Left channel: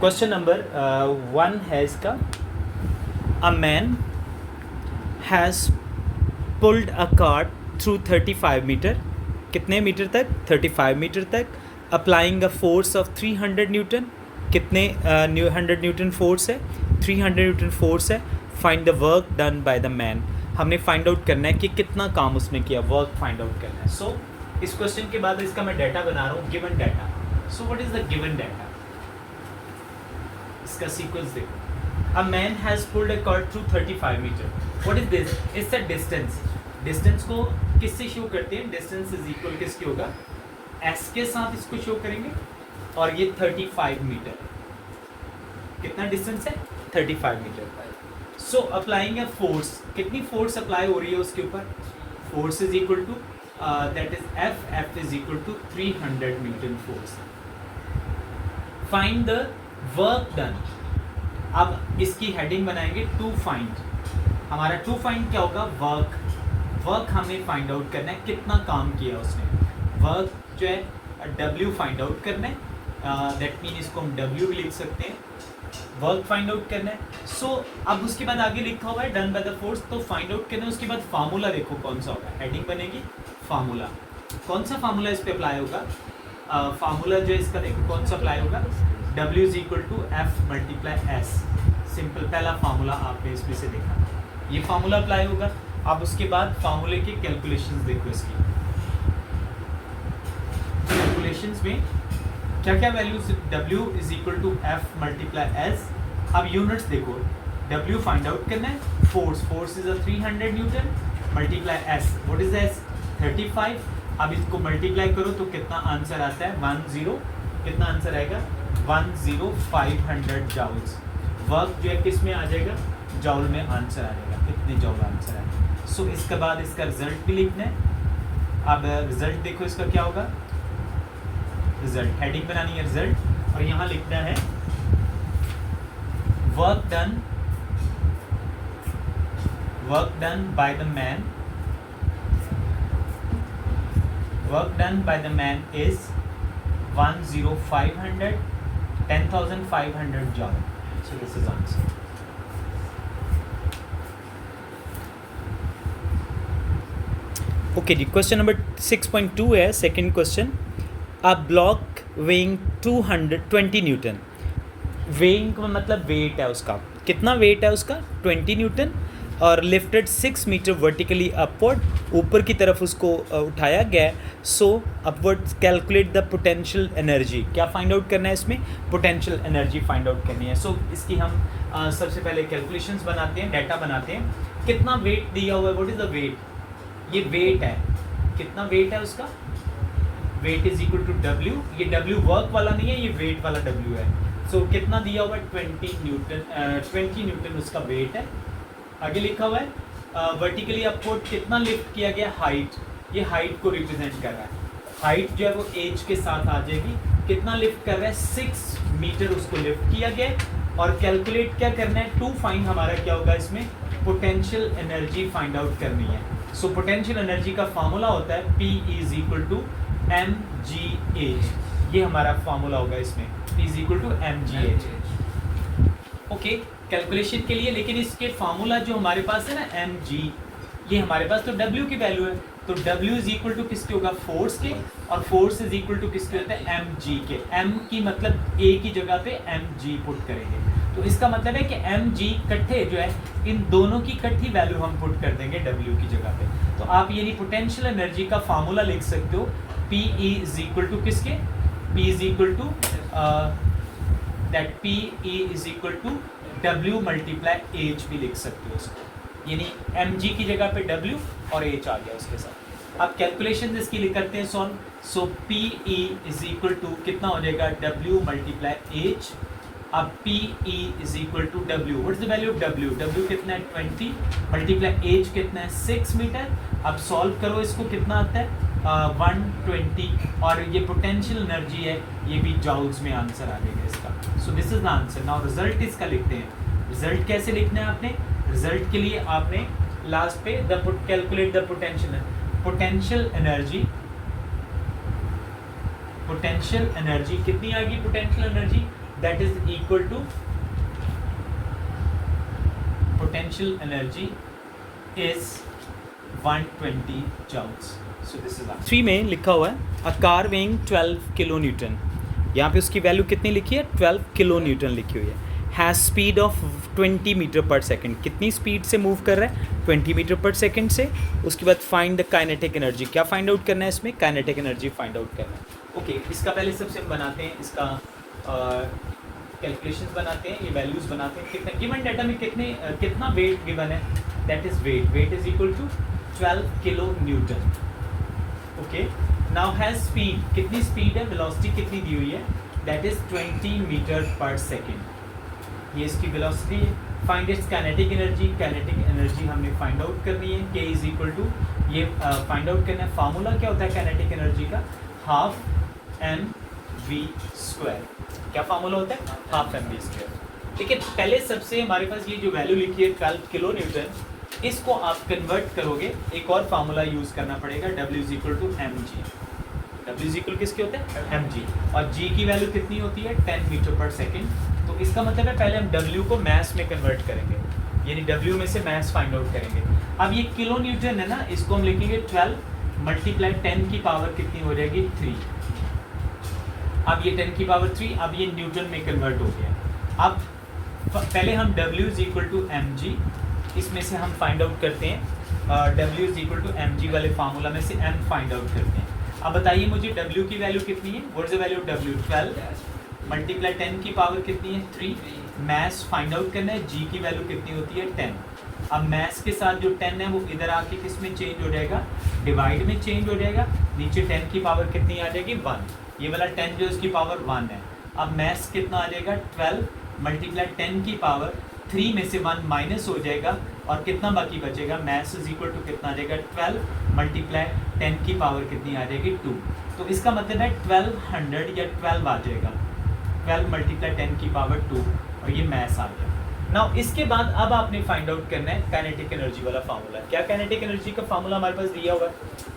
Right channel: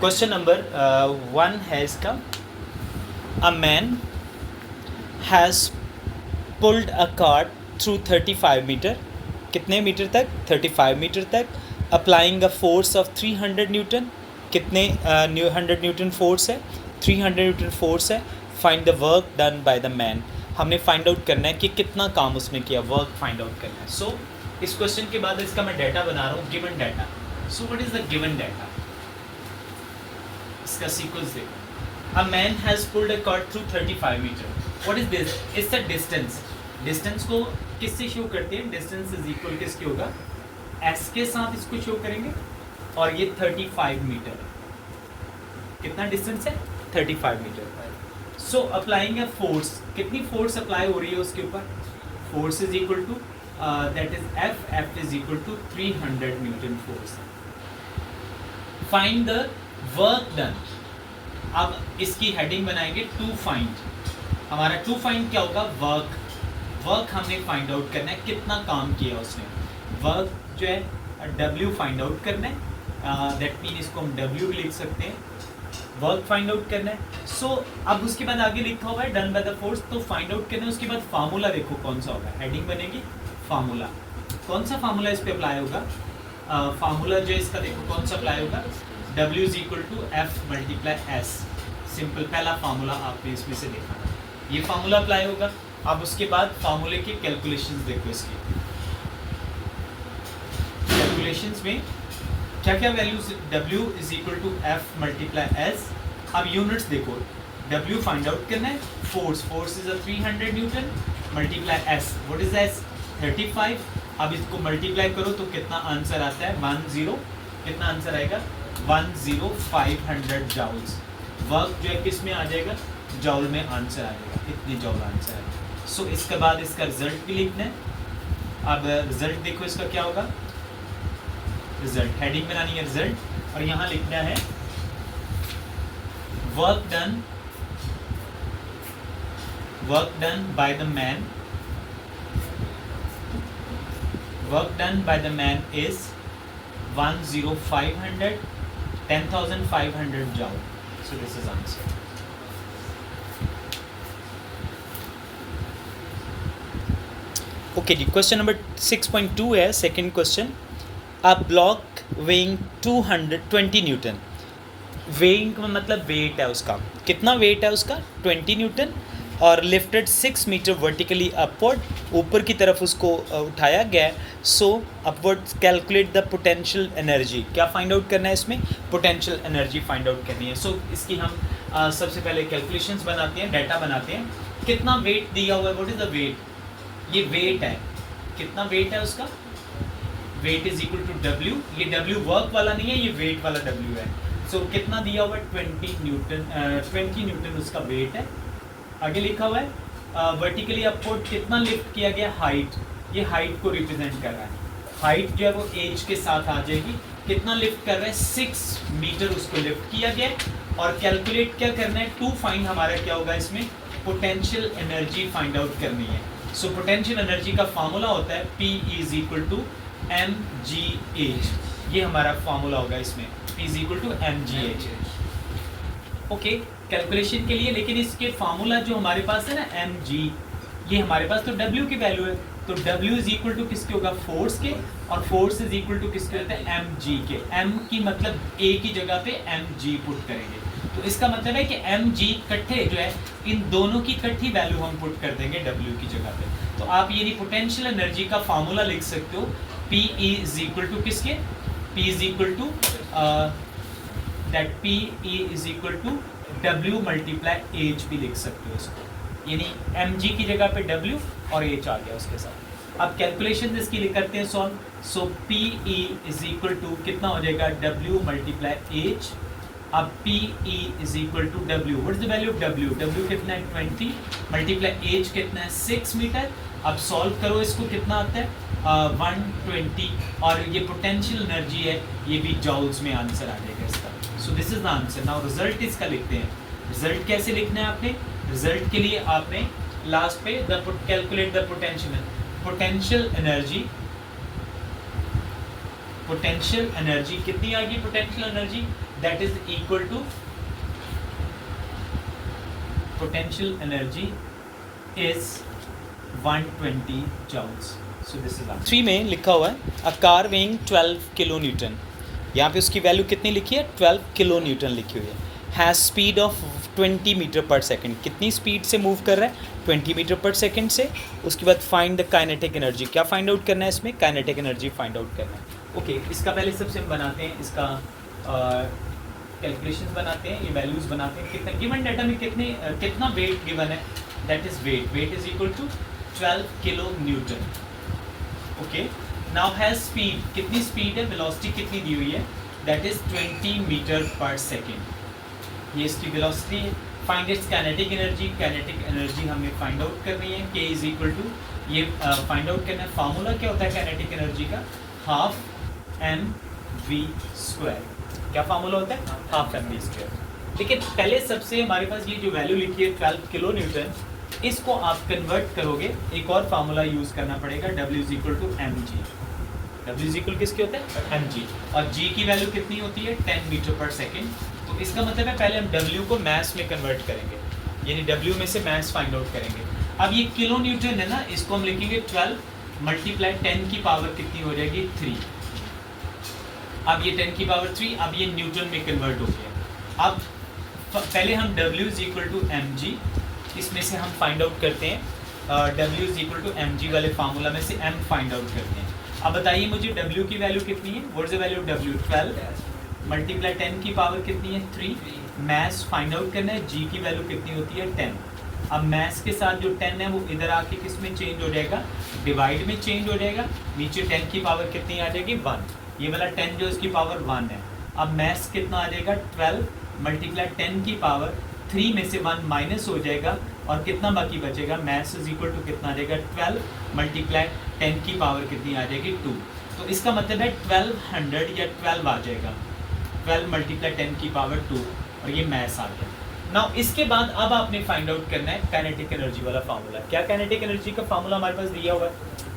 Question number 1 है इसका. A man has pulled a cart through 35 metre. कितने metre तक? 35 मीटर तक. Applying a force of 300 newton. कितने 100 न्यूटन फोर्स है? 300 न्यूटन फोर्स है. Find the work done by the man. हमने find out करना है कि कितना काम उसने किया. वर्क फाइंड आउट करना है. सो इस क्वेश्चन के बाद इसका मैं डाटा बना रहा हूँ, given data. So what is the given data? इसका सीक्वेंस देखो. A man has pulled a cord through 35 meter. What is this? It's a distance. Distance को किससे शो करते हैं? Distance is equal किसके होगा? S के साथ इसको शो करेंगे. और ये 35 मीटर. कितना डिस्टेंस है? 35 metre. So applying a force. कितनी फोर्स अप्लाई हो रही है उसके ऊपर? Force is equal to that is F. F is equal to 300 Newton force. Find the work done. अब इसकी हेडिंग बनाएंगे टू फाइंड. हमारा टू फाइंड क्या होगा? वर्क हमें फाइंड आउट करना है कितना काम किया उसने. वर्क जो है W फाइंड आउट करना है. दैट मीन इसको हम W भी लिख सकते हैं. वर्क फाइंड आउट करना है. सो अब उसके बाद आगे लिखा हुआ है डन बाय द फोर्स. तो फाइंड आउट करना है. उसके बाद फार्मूला देखो कौन सा होगा. हेडिंग बनेगी फार्मूला. कौन सा फार्मूला इस पे अप्लाई होगा? फार्मूला जो इसका देखो कौन सा अप्लाई होगा. W is equal to F multiply S. Simple पहला फार्मूला आपने इसमें से देखा था. ये फार्मूला अप्लाई होगा. अब उसके बाद फार्मूले के कैलकुलेशंस देखो. इसकी कैलकुलेशंस में क्या क्या values. W is equal to F multiply S. अब यूनिट्स देखो. W फाइंड आउट करना है. Force is a 300 newton multiply S. What is S? 35. अब इसको मल्टीप्लाई करो तो कितना आंसर आता है? 10. कितना आंसर आएगा? 10500 जाउल्स. वर्क जो है किस में आ जाएगा? जाउल में आंसर आ जाएगा. कितने जाउल आंसर आएगा. सो इसके बाद इसका रिजल्ट भी लिखना है. अब रिजल्ट देखो इसका क्या होगा. रिजल्ट हेडिंग बनानी है रिजल्ट. और यहाँ लिखना है work done by the man. Work done by the man is 10500 10,500 joule. So this is answer. Okay, the question number 6.2 है. Second question. A block weighing 220 Newton. weighing का मतलब वेट है उसका. कितना वेट है उसका? 20 न्यूटन. और लिफ्टेड 6 मीटर वर्टिकली अपवर्ड. ऊपर की तरफ उसको उठाया गया. So upward calculate the potential energy. क्या फाइंड आउट करना है इसमें? पोटेंशियल एनर्जी फाइंड आउट करनी है. सो इसकी हम सबसे पहले कैलकुलेशंस बनाते हैं, डाटा बनाते हैं. कितना वेट दिया हुआ है? What is the weight? ये वेट है. कितना वेट है उसका? Weight is equal to W. ये W वर्क वाला नहीं है, ये वेट वाला W है. सो कितना दिया हुआ है? 20 न्यूटन उसका वेट है. आगे लिखा हुआ है वर्टिकली अपवर्ड कितना लिफ्ट किया गया? हाइट. ये हाइट को रिप्रेजेंट कर रहा है. हाइट जो है वो एज के साथ आ जाएगी. कितना लिफ्ट कर रहा है? 6 मीटर उसको लिफ्ट किया गया. और कैलकुलेट क्या करना है? टू फाइंड हमारा क्या होगा इसमें? पोटेंशियल एनर्जी फाइंड आउट करनी है. सो पोटेंशियल एनर्जी का फार्मूला होता है P is equal to mgh. ये हमारा फार्मूला होगा इसमें. P is equal to mgh. Okay, calculation के लिए. लेकिन इसके फार्मूला जो हमारे पास है ना mg, ये हमारे पास तो W की वैल्यू है. तो W इज इक्वल टू किसके होगा? फोर्स के. और फोर्स इज इक्वल टू किसके होता है? mg के. m की मतलब a की जगह पे mg पुट करेंगे. तो इसका मतलब है कि mg इकट्ठे जो है इन दोनों की इकट्ठी वैल्यू हम पुट कर देंगे W की जगह पे. तो आप ये पोटेंशियल एनर्जी का फार्मूला लिख सकते हो. P इज इक्वल टू किसके? P is equal to that P is equal to W multiply H भी लिख सकते हो इसको. यानी mg की जगह पे W और H आ गया उसके साथ. अब कैलकुलेशन इसकी लिख करते हैं solve. So P is equal to कितना हो जाएगा? W multiply H. अब P is equal to W. What is the value of W? W कितना है? 20 मल्टीप्लाई H कितना है? 6 मीटर. अब सॉल्व करो इसको. कितना आता है? 120. और ये पोटेंशियल एनर्जी है, ये भी जाउल्स में आंसर आ जाएगा इसका. So this is the answer. Now result इसका लिखते हैं. रिजल्ट कैसे लिखना है आपने? रिजल्ट के लिए आपने लास्ट पे कैलकुलेट द पोटेंशियल एनर्जी कितनी आ गई? Potential energy that is equal to potential energy is 120 joules. So this is 3 में लिखा हुआ है a car weighing 12 kilo Newton, यहाँ पे उसकी वैल्यू कितनी लिखी है 12 किलो न्यूटन लिखी हुई है, हैज़ स्पीड ऑफ 20 मीटर पर सेकंड, कितनी स्पीड से मूव कर रहा है 20 मीटर पर सेकंड से। उसके बाद फाइंड द काइनेटिक एनर्जी, क्या फाइंड आउट करना है इसमें, काइनेटिक एनर्जी फाइंड आउट करना है। ओके इसका पहले सबसे हम बनाते हैं, इसका कैलकुलेशंस बनाते हैं, ये वैल्यूज बनाते हैं। कितना गिवन डाटा में कितना वेट गिवन है, that is weight is equal to 12 kilonewton. Okay now has speed, कितनी स्पीड है, वेलोसिटी कितनी दी हुई है, दैट इज 20 मीटर पर सेकेंड, ये इसकी वेलोसिटी है। Find its kinetic energy, kinetic energy हमें फाइंड आउट करनी है, के इज इक्वल टू, ये फाइंड आउट करना है। फार्मूला क्या होता है काइनेटिक एनर्जी का, हाफ mv², क्या फार्मूला होता है, हाफ mv²। ठीक है पहले सबसे हमारे पास ये जो वैल्यू लिखी है 12 किलो न्यूटन, इसको आप कन्वर्ट करोगे, एक और फार्मूला यूज करना पड़ेगा, W is equal to mg। W is equal किसके होता है mg, और g की वैल्यू कितनी होती है 10 मीटर पर सेकेंड। तो इसका मतलब है पहले हम W को मास में कन्वर्ट करेंगे, यानी W में से मास फाइंड आउट करेंगे। अब ये किलो न्यूटन है ना, इसको हम लिखेंगे 12 मल्टीप्लाई 10 की पावर कितनी हो जाएगी 3। अब ये 10 की पावर 3, अब ये न्यूटन में कन्वर्ट हो गया। अब पहले हम W is equal to mg, इसमें से हम फाइंड आउट करते हैं W is equal to mg वाले फार्मूला में से m फाइंड आउट करते हैं। अब बताइए मुझे W की वैल्यू कितनी है, what is the value of W, 12 multiply 10 की पावर कितनी है 3, मैथ्स फाइंड आउट करना है, g की वैल्यू कितनी होती है 10। अब मैथ्स के साथ जो 10 है वो इधर आके किस में चेंज हो जाएगा, डिवाइड में चेंज हो जाएगा, नीचे 10 की पावर कितनी आ जाएगी 1, ये वाला 10 जो इसकी पावर 1 है। अब मैथ्स कितना आ जाएगा 12 मल्टीप्लाई 10 की पावर 3 में से 1 माइनस हो जाएगा, और कितना बाकी बचेगा, मैथ्स इज इक्वल टू कितना आ जाएगा 12 मल्टीप्लाई 10 की पावर कितनी आ जाएगी 2। तो इसका मतलब है 1200 या 12 आ जाएगा, 12 मल्टीप्लाई 10 की पावर 2, और ये मैथ्स आ गया। नाउ इसके बाद अब आपने फाइंड आउट करना है काइनेटिक एनर्जी वाला फार्मूला। क्या काइनेटिक एनर्जी का फार्मूला हमारे पास दिया हुआ है,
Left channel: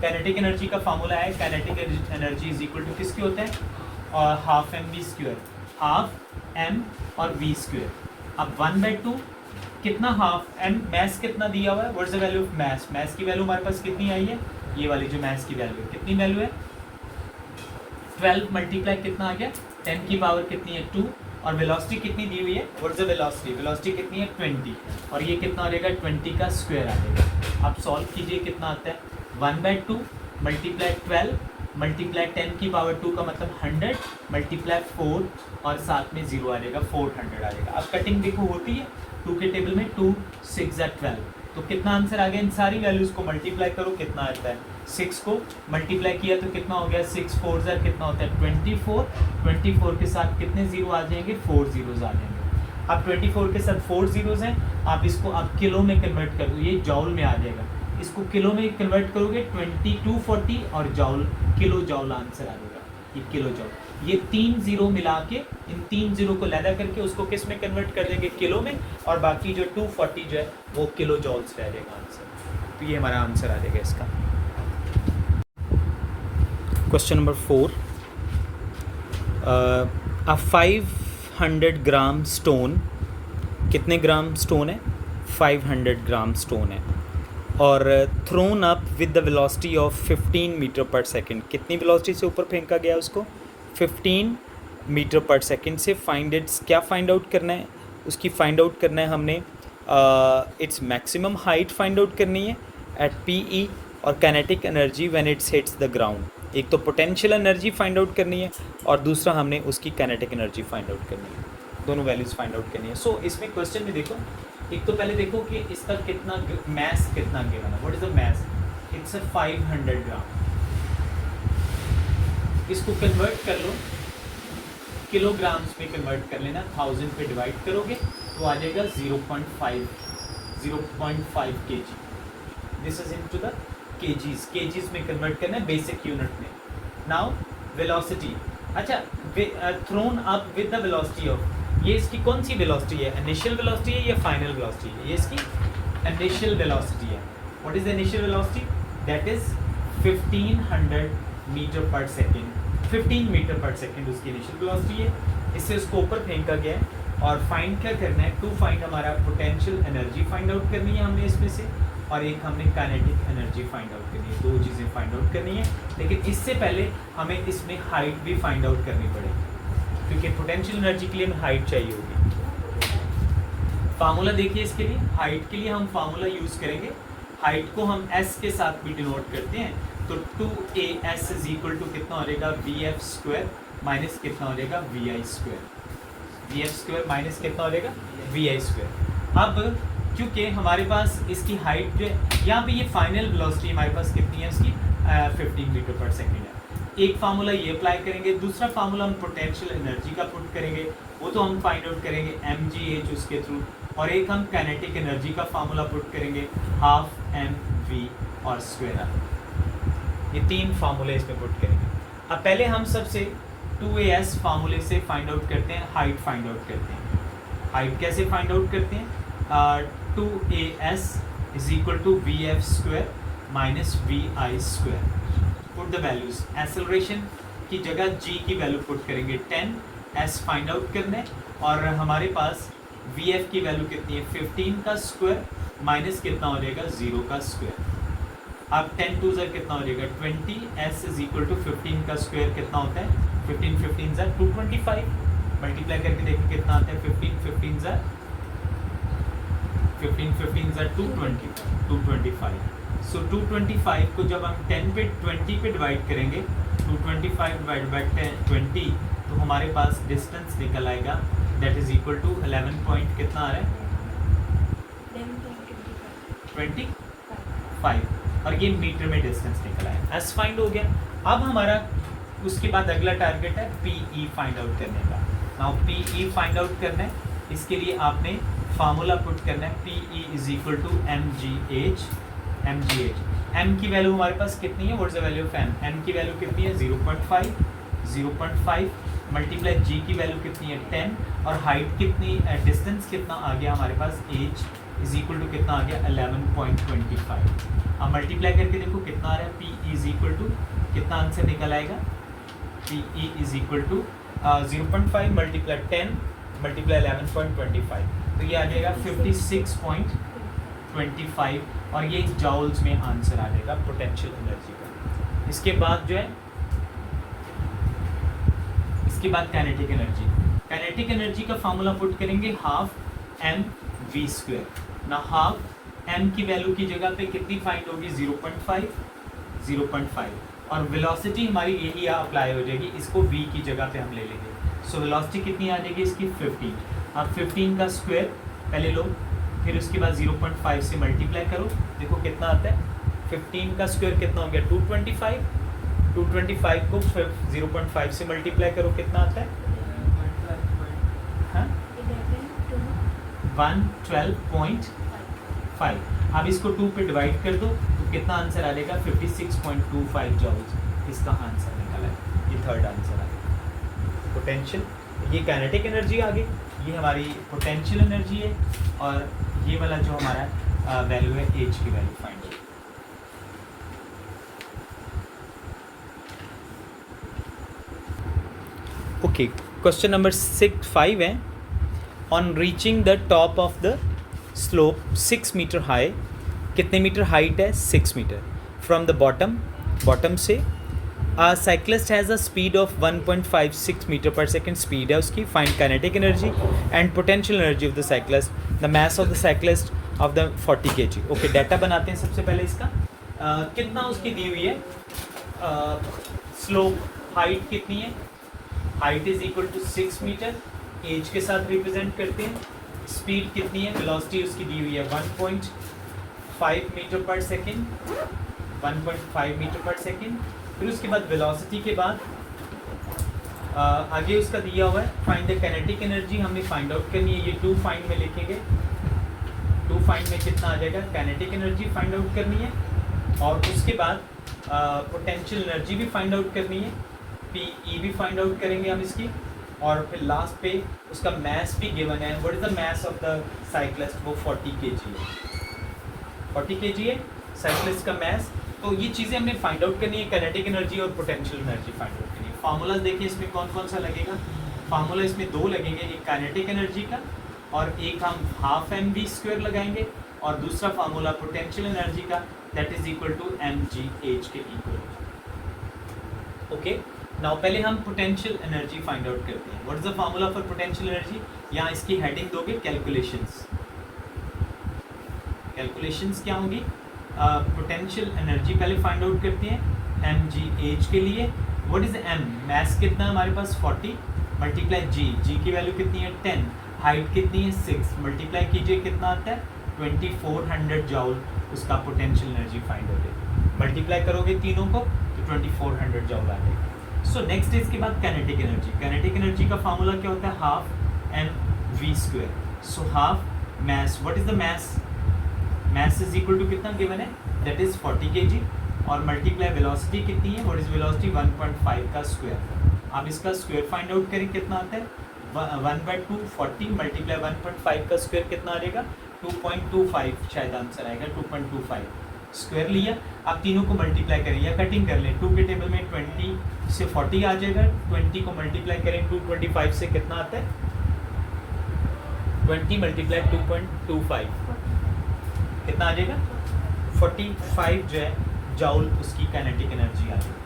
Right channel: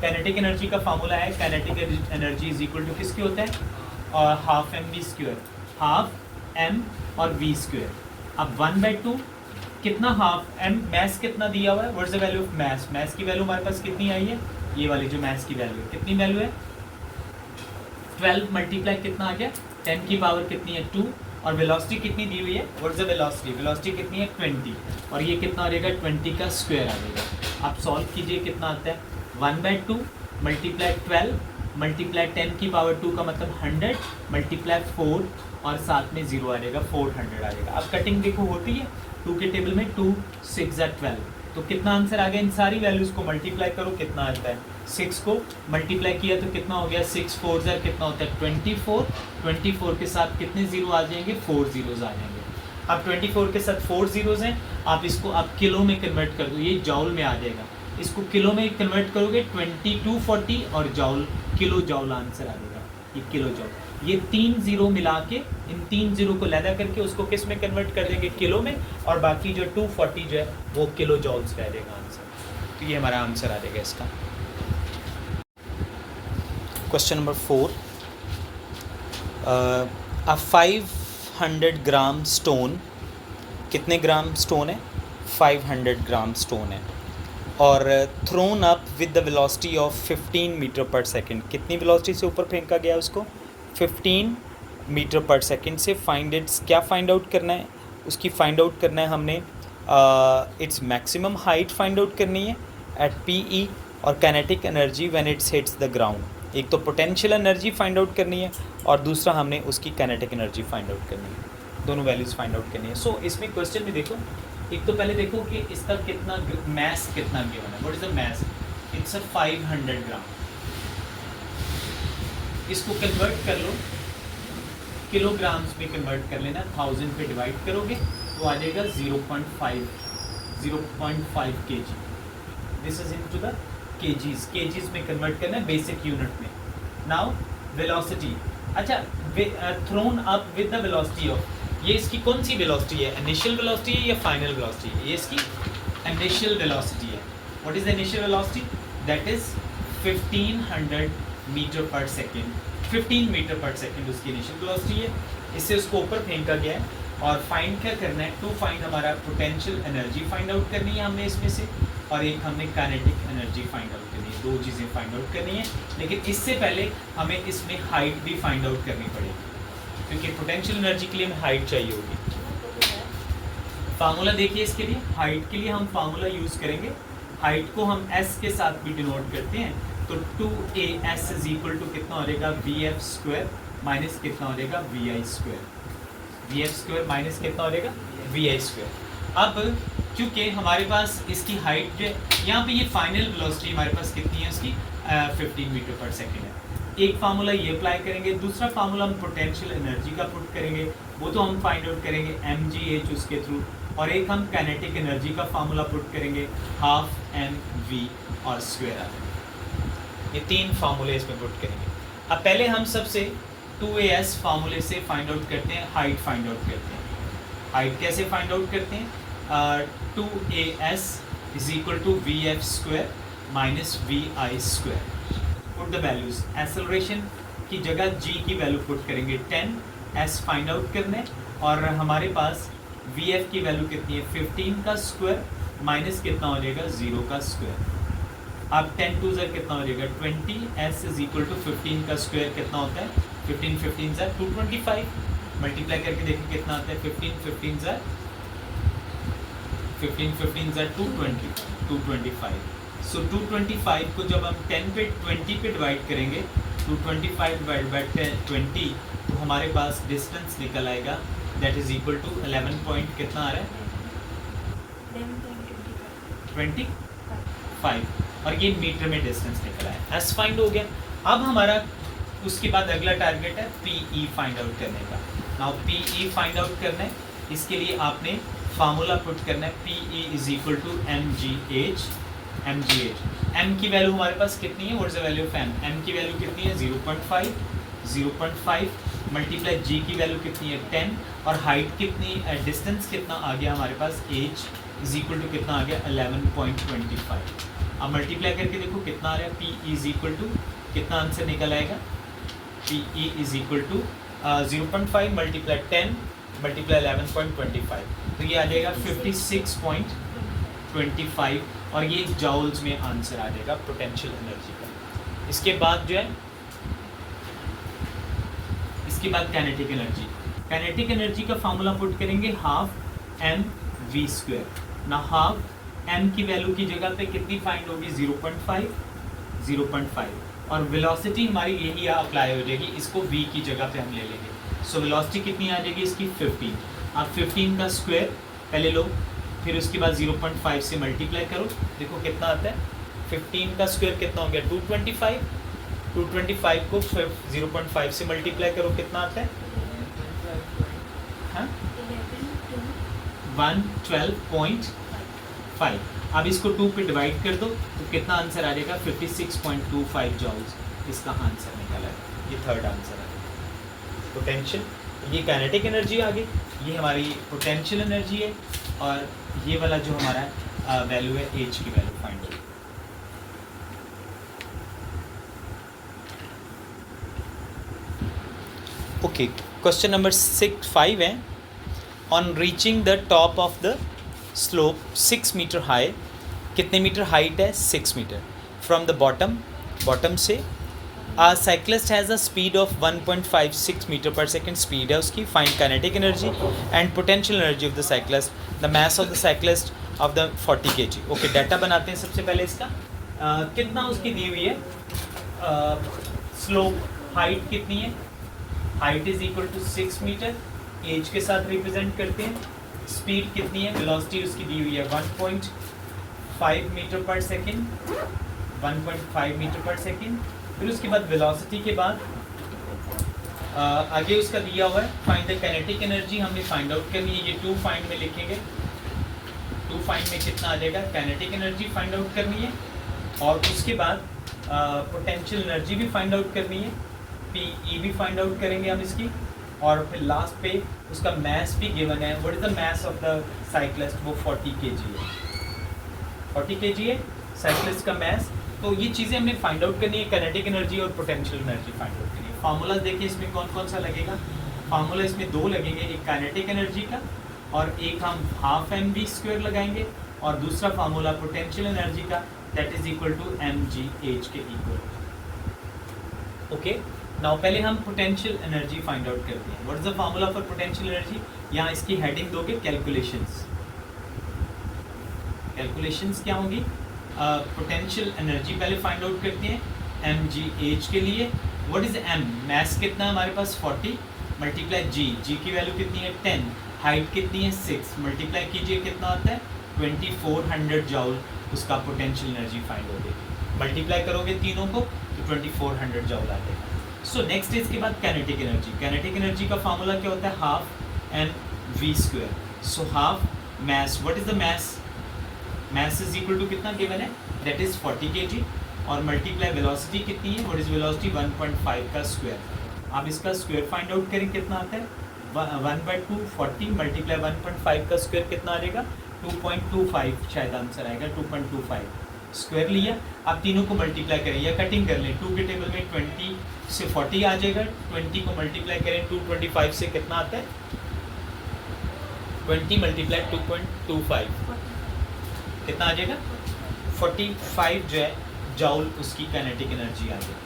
काइनेटिक एनर्जी का फार्मूला है, kinetic energy is equal to किसके होता है, और हाफ mv², हाफ m और v²। अब 1/2 कितना, हाफ m, मैथ्स कितना दिया हुआ है, what is the value of maths, maths की वैल्यू हमारे पास कितनी आई है, ये वाली जो मैथ्स की वैल्यू है, कितनी वैल्यू है 12 मल्टीप्लाई कितना आ गया 10 की पावर कितनी है 2, और वेलोसिटी कितनी दी हुई है, what is the velocity, velocity कितनी है 20, और ये कितना आ जाएगा 20 का स्क्वायर आ जाएगा। अब सॉल्व कीजिए कितना आता है, 1/2 मल्टीप्लाई 12 मल्टीप्लाई 10 की पावर 2 का मतलब 100 मल्टीप्लाई 4, और साथ में 0 आ जाएगा, 400 आ जाएगा। अब कटिंग देखो होती है 2 के टेबल में, 2 6 12, तो कितना आंसर आ गया, इन सारी वैल्यूज को मल्टीप्लाई करो कितना आता है, 6 को मल्टीप्लाई किया तो कितना हो गया, 6 4 ज़र कितना होता है 24, 24 के साथ कितने जीरो आ जाएंगे 4 जीरोज आ जाएंगे। अब 24 के साथ 4 जीरोज हैं, आप इसको आप किलो में कन्वर्ट कर दो, ये जॉल में आ जाएगा, इसको किलो में कन्वर्ट करोगे 2240 और जॉल, किलो जॉल आंसर आ जाएगा, ये किलो जॉल। ये 3 जीरो मिला के, इन 3 जीरो को लैदा करके उसको किस में कन्वर्ट कर देंगे, किलो में, और बाकी जो 240 जो है वो किलो जॉल्स रह जाएगा आंसर। तो ये हमारा आंसर आ जाएगा इसका। Question number 4, a 500 gram stone, कितने ग्राम स्टोन है 500 ग्राम स्टोन है, और thrown up with the velocity of 15 metre पर सेकेंड, कितनी वेलोसिटी से ऊपर फेंका गया उसको 15 मीटर पर सेकेंड से। फाइंड इट्स, क्या फाइंड आउट करना है, उसकी फाइंड आउट करना है हमने its maximum height find out करनी है एट PE, और kinetic energy when it's hits the ground. एक तो पोटेंशियल एनर्जी फाइंड आउट करनी है, और दूसरा हमने उसकी काइनेटिक एनर्जी फाइंड आउट करनी है, दोनों वैल्यूज फाइंड आउट करनी है। सो इसमें क्वेश्चन में देखो, एक तो पहले देखो कि इसका कितना मैस कितना गिवन है, what is the mass, it's a 500 gram. इसको कन्वर्ट कर लो, किलोग्राम्स में कन्वर्ट कर लेना, 1000 पे डिवाइड करोगे तो आ जाएगा 0.5 kg। This is into the KGs, KGs में कन्वर्ट करना है बेसिक यूनिट में। नाउ वेलोसिटी, अच्छा thrown up with the velocity of, ये इसकी कौन सी वेलोसिटी है, इनिशियल वेलोसिटी है या फाइनल वेलोसिटी है, ये इसकी इनिशियल वेलोसिटी है। What is the initial velocity, that is 1500 metre पर सेकेंड, 15 मीटर पर सेकेंड उसकी इनिशियल वेलोसिटी है। इससे उसको ऊपर फेंका गया है। और फाइंड क्या करना है, टू फाइंड हमारा पोटेंशियल एनर्जी फाइंड आउट करनी है हमने इसमें से, और एक हमने काइनेटिक एनर्जी फाइंड आउट करनी है। दो चीज़ें फाइंड आउट करनी है, लेकिन इससे पहले हमें इसमें हाइट भी फाइंड आउट करनी पड़ेगी, क्योंकि पोटेंशियल एनर्जी के लिए हमें हाइट चाहिए होगी। फार्मूला देखिए इसके लिए, हाइट के लिए हम फार्मूला यूज़ करेंगे। हाइट को हम एस के साथ भी डिनोट करते हैं, तो 2AS इज इक्वल टू कितना हो जाएगा, VF स्क्वायर माइनस कितना हो जाएगा, VI square. VF square minus कितना हो जाएगा, VI स्क्वायर। अब क्योंकि हमारे पास इसकी हाइट जो है, यहाँ पे ये फाइनल वेलोसिटी हमारे पास कितनी है इसकी, 15 मीटर पर सेकेंड है। एक फार्मूला ये अप्लाई करेंगे, दूसरा फार्मूला हम पोटेंशियल एनर्जी का पुट करेंगे, वो तो हम फाइंड आउट करेंगे mgh उसके थ्रू, और एक हम काइनेटिक एनर्जी का फार्मूला पुट करेंगे, हाफ mv और स्क्वायर आर। ये तीन फार्मूले इसमें पुट करेंगे। अब पहले हम सबसे 2AS फार्मूले से फाइंड आउट करते हैं, हाइट फाइंड आउट करते हैं। हाइट कैसे फाइंड आउट करते हैं, 2AS is equal to VF square minus VI square. Put the values, acceleration की जगह g की वैल्यू पुट करेंगे 10, s फाइंड आउट करने, और हमारे पास VF की वैल्यू कितनी है, 15 का स्क्वायर माइनस कितना हो जाएगा, 0 का स्क्वायर। अब 10 टू ज़र कितना हो जाएगा, 20, s इज इक्वल टू 15 का स्क्वायर कितना होता है, 15 15 ज़र 225, मल्टीप्लाई करके देखिए कितना आता है, 15 15 ज़र 225। सो 225 को जब हम 10 पे 20 पे डिवाइड करेंगे, 225 डिवाइड बाई 20, तो हमारे पास डिस्टेंस निकल आएगा, that is equal to 11 point कितना आ रहा है, 25, और ये मीटर में डिस्टेंस निकला है। एस फाइंड हो गया। अब हमारा उसके बाद अगला टारगेट है PE फाइंड आउट करने का। नाउ PE फाइंड आउट करना है, इसके लिए आपने फार्मूला पुट करना है, PE is equal to mgh। m की वैल्यू हमारे पास कितनी है, what is the value of m की वैल्यू कितनी है, 0.5 मल्टीप्लाई g की वैल्यू कितनी है, 10, और हाइट कितनी, डिस्टेंस कितना आ गया हमारे पास, h इज इक्वल टू कितना आ गया, 11.25। अब मल्टीप्लाई करके देखो कितना आ रहा है, PE इज इक्वल टू कितना आंसर निकल आएगा, PE is equal to 0.5 multiply 10 multiply 11.25, तो ये आ जाएगा 56.25, और ये जॉल्स में आंसर आ जाएगा पोटेंशियल एनर्जी का। इसके बाद जो है, इसके बाद काइनेटिक एनर्जी। काइनेटिक एनर्जी का फार्मूला पुट करेंगे, हाफ mv स्क्वायर। ना हाफ m की वैल्यू की जगह पे कितनी फाइंड होगी, 0.5, और वेलोसिटी हमारी यही अप्लाई हो जाएगी, इसको v की जगह पे हम ले लेंगे। सो वेलोसिटी कितनी आ जाएगी इसकी, 15। आप 15 का स्क्वायर पहले लो, फिर उसके बाद 0.5 से मल्टीप्लाई करो, देखो कितना आता है, 15 का स्क्वायर कितना हो गया, 225 को 0.5 से मल्टीप्लाई करो, कितना आता है, हाँ 112.5। अब इसको 2 पे डिवाइड कर दो, तो कितना आंसर आ जाएगा, 56.25 जॉल्स इसका आंसर निकला है। ये थर्ड आंसर आ गया। पोटेंशियल, ये काइनेटिक एनर्जी आ गई, ये हमारी पोटेंशियल एनर्जी है, और ये वाला जो हमारा वैल्यू है, एच की वैल्यू फाइंड हो। ओके, क्वेश्चन नंबर 5 है, on reaching the top of the slope 6 metre high, कितने मीटर हाइट है, 6 मीटर, फ्रॉम द बॉटम से a cyclist has a speed of 1.56 meter per second speed है उसकी, find kinetic energy and potential energy of the cyclist, the mass of the cyclist of the 40 kg। Okay, data बनाते हैं सबसे पहले इसका, कितना उसकी दी हुई है, स्लोप हाइट कितनी है, height is equal to 6 metre, एज के साथ रिप्रेजेंट करते हैं, स्पीड कितनी है, वेलोसिटी उसकी दी हुई है 1.5 मीटर पर सेकेंड, 1.5 मीटर पर सेकेंड। फिर उसके बाद वेलोसिटी के बाद आगे उसका दिया हुआ है, फाइंड द काइनेटिक एनर्जी हमने फाइंड आउट करनी है, ये 2 फाइंड में लिखेंगे, 2 फाइंड में कितना आ जाएगा, काइनेटिक एनर्जी फाइंड आउट करनी है, और उसके बाद पोटेंशियल एनर्जी भी फाइंड आउट करनी है, PE भी फाइंड आउट करेंगे हम इसकी, और फिर लास्ट पे उसका मैस भी गिवन है, what is the mass of the cyclist, वो 40 kg है, 40 kg है साइक्लिस्ट का मैस। तो ये चीज़ें हमने फाइंड आउट करनी है, काइनेटिक एनर्जी और पोटेंशियल एनर्जी फाइंड आउट करनी है। फार्मूला देखिए इसमें कौन कौन सा लगेगा, फार्मूला इसमें दो लगेंगे, एक काइनेटिक एनर्जी का और एक हम हाफ एम वी स्क्वायर लगाएंगे और दूसरा फार्मूला पोटेंशियल एनर्जी का, that is equal to M G H के इक्वल होगा। ओके, नाउ पहले हम पोटेंशियल एनर्जी फाइंड आउट करते हैं। What is the formula for potential energy? यहाँ इसकी हेडिंग दोगे कैलकुलेशंस। कैलकुलेशंस क्या होगी? पोटेंशियल एनर्जी पहले फाइंड आउट करते हैं एम जी एच के लिए। What is M? मैस कितना है हमारे पास 40 मल्टीप्लाई जी, जी की वैल्यू कितनी है 10, हाइट कितनी है 6, मल्टीप्लाई कीजिए कितना आता है 2400 जॉल, उसका पोटेंशियल एनर्जी फाइंड हो गई। मल्टीप्लाई करोगे तीनों को तो 2400 जॉल आ जाएगा। सो नेक्स्ट है इसके बाद काइनेटिक एनर्जी। काइनेटिक एनर्जी का फार्मूला क्या होता है? Half M V square. So half mass, what is the mass? Mass is equal to कितना गिवन है? दैट इज 40 kg और मल्टीप्लाई वेलोसिटी कितनी है? What is velocity? 1.5 का स्क्वायर। आप इसका स्क्वायर फाइंड आउट करें कितना आता है? 1/2 40 मल्टीप्लाई 1.5 का स्क्वायर कितना आ जाएगा? 2.25 शायद आंसर आएगा। 2.25 स्क्वायर लिया, आप तीनों को मल्टीप्लाई करें या कटिंग कर लें। 2 के टेबल में 20 से 40 आ जाएगा, 20 को मल्टीप्लाई करें 225 से कितना आता है? 20 मल्टीप्लाई 2.25 कितना आ जाएगा? 45 जो है जॉल उसकी काइनेटिक एनर्जी आ जाएगी।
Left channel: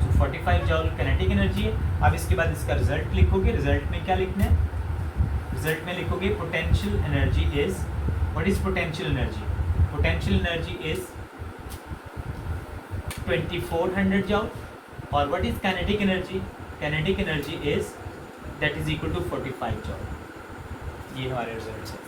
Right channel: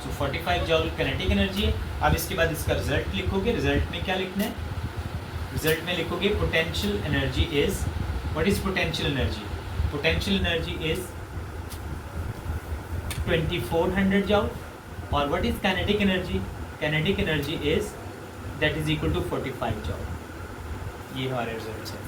तो 45 जॉल काइनेटिक एनर्जी है। अब इसके बाद इसका रिजल्ट लिखोगे। रिजल्ट में क्या लिखना है? रिजल्ट में लिखोगे potential energy is, what is potential energy? Potential energy is 2400 joule और what is kinetic energy? Kinetic energy is that is equal to 45 joule. ये हमारे रिजल्ट है।